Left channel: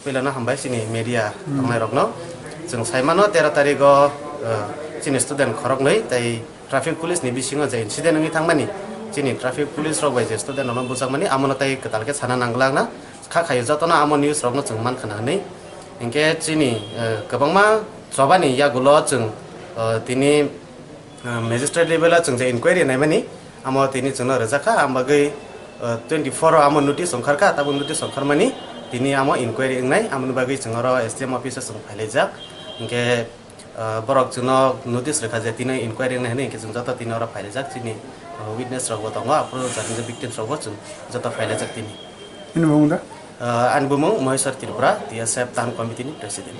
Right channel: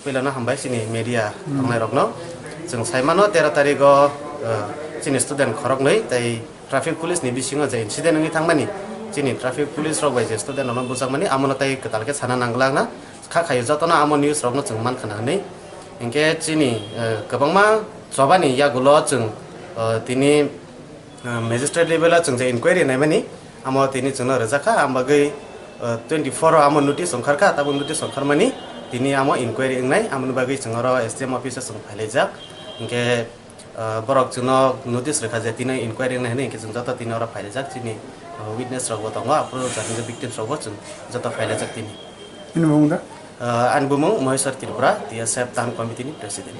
Pilana hambai sini media tangnai rokno जों saimano 13 tariko sini student khorok nei tai traffic police ni bisingo je incident ngi thangmani sini traffic police rok bai je student ono busakmani amono tai ketalke sana nanglang na kha khayo jotona amo news rokno जों man khana nei engke sini gobangma jobani yagulo जों tini magistrate level जों je inquiry naimani amo tini जोंनो rojaka ambagei 24 amo notice ongkharka tabung notice ongkharmani tini amo inquiry engnai amoni bagi jongoro SDM office jong phailejak engke borok jono notice rekha je tini inquiry engnai hene engke jong jota tini ora phailejak tini witness rok botongo apro jani victims rok jong jota phailejak tini ini bungda an bumung Maheswar Tripura TSF Tan Committee ni president